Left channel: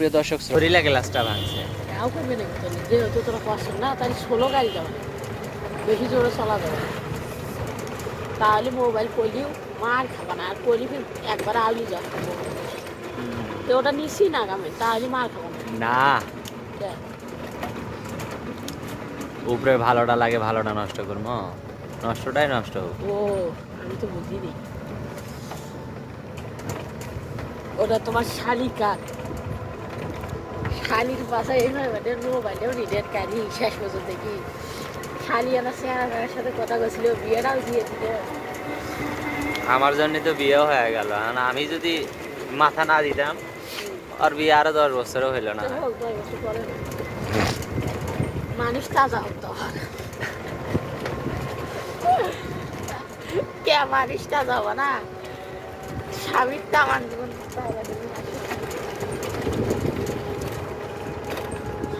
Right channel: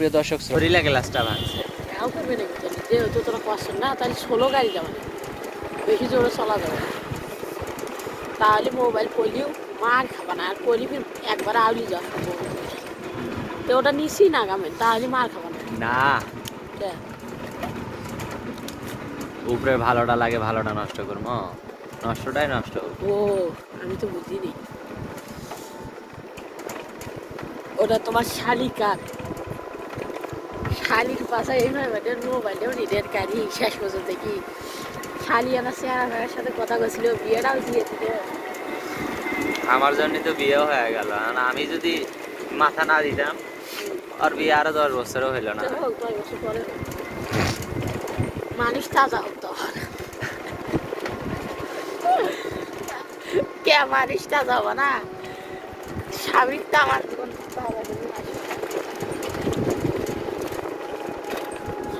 প্রিয় দর্শক শরীলা গ্লাসটা ভাঙছে। যেহেতু তোমার পছন্দ না তাহলে 16 গাড়ি যাবো, বেশি জোরে চলা যাবে, তাহলে মোবাইল করলেও মার খাবে না, আর করলি একবার আউলি যাবে তো ওটা নিচ্ছি না গামে, তাহলে মার খাবে না উপরে ভালোটা লাগে, ভালোটা নষ্ট করবো, নষ্টটাই নষ্ট হোক। ও আমি তো বুঝিনি ওটা তোমার শালিকা, শালির পাশে এইভাবে মোবাইলেও রিডের কারি শেষ পর্যন্ত কি শালি আমার চেহারার সাথে কথা বলছিল, বিয়েটাও দিয়েছিল। আমার জন্য তো বিয়েও হয়ে গেল, আমি যদি মাথা না দিতাম আর বিয়ে আরো 10 বছরও হইলো না। মানুষ তাজা হতো কে মানুষ তাজা হবো না, স্বামীর টাকার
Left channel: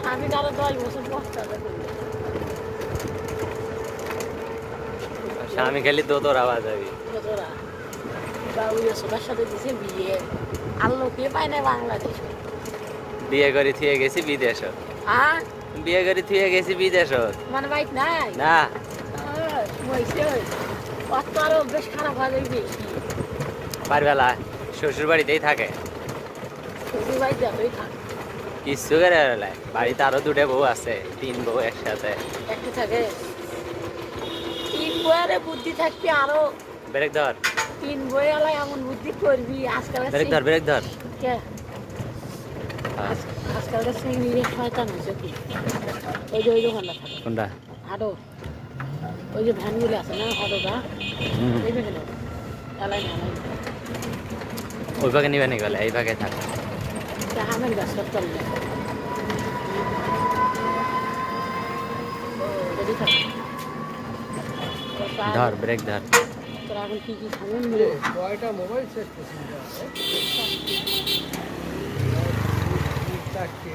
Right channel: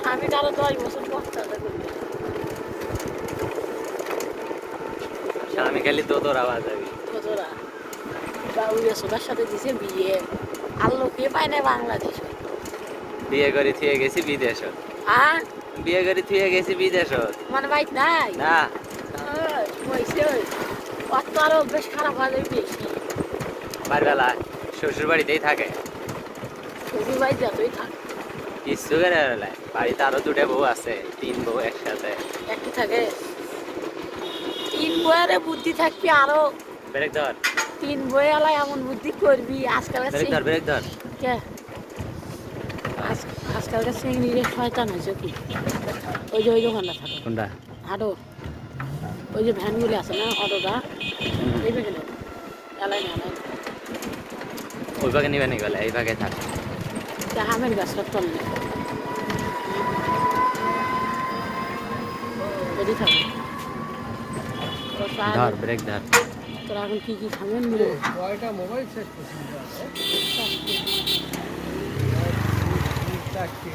স্বামীর আরো 10 বছর স্বামী খালি দোদোর আওয়াজ হয়। বাউরিয়া সোনার সাথে দিছে বিয়ে, আল্লো কে পায় না বাংলাদেশ। বিয়ে করে থিয়ে গেছি বিদেশ, হ্যাঁ বিয়ে করে থিয়ে গেছি বিদেশ মানে বাইক নাই না। আরো বেশ খারাপ হয়ে যাবে, বাড়িবেলা শ্বশুর বাড়িতেই থাকে, শ্বশুর বাড়ি যতই থাক কিছু করে বেলায় বাড়িতে আরো 2টা বউ আছে, 3 বউ একসাথে একটু থাকে। 3 বইয়ারে বুদ্ধি থাকবি আরো, ব্রেক ধর 3 বইয়ালাই এমন বুদ্ধি করবি আজকাল। ব্রেক ধর কে আজকালকার সিংড়িরে শয়তান হয়েছে কি, ওই যে ওই দোকানটা থাকে কোনটা হাটো, ওই যে ভ্যানগুলি আছে না হাটোটা, এই ভ্যানে চালাই ওই ভাগে নিবে নি গেলে এই ভাগে থাক। আমের গাছ সব চলে ধর ব্রেক ধর। তোরা এখন কি কি খাবেন? কয়টা মোবাইল শেষ পছন্দ আছে? চারটে।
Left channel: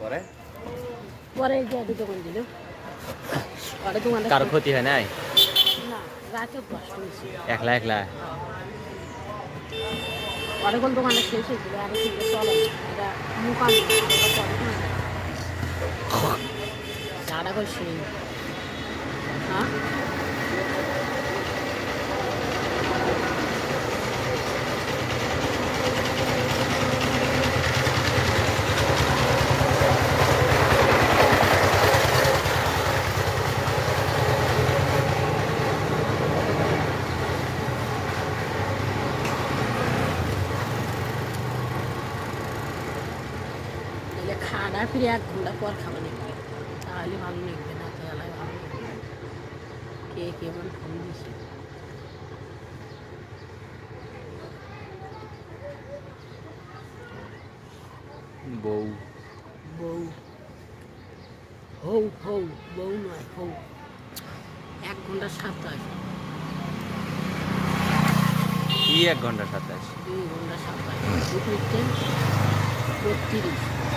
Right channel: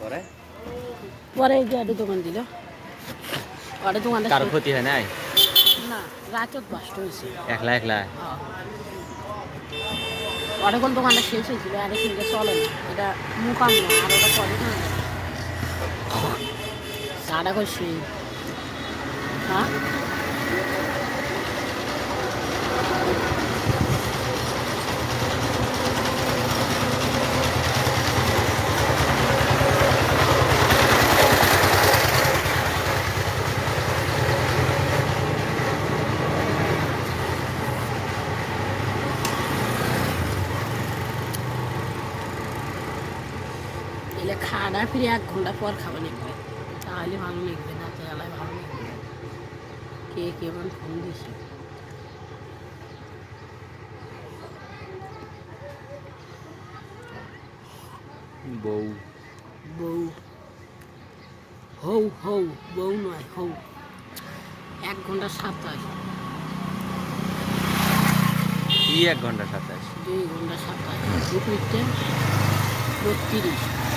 পরে পরে যে দোকান দিল ওটা দোকানটা কারো ক্ষতি হয় নাই, না রাতে কষ্ট হয়েছে একলা একলা অনেকক্ষণ দোকানটা শেষ হয়েছিল, আর কিন্তু চলে না, এটা মুখান সারা করছি। হ্যাঁ খাওয়া ফিরে 1 ঘন্টা পর খাবে লিখবে, তাহলে ভালো লিখবে, না তাহলে ভালো লিখবে। কে কেমন ফোন দিছে? বউ বউ হৌ হৌ বউ নয় হৌ, 1 ঘন্টা 27 কি 1 ঘন্টা 27? 2 ঘন্টা 27 দুপুর 32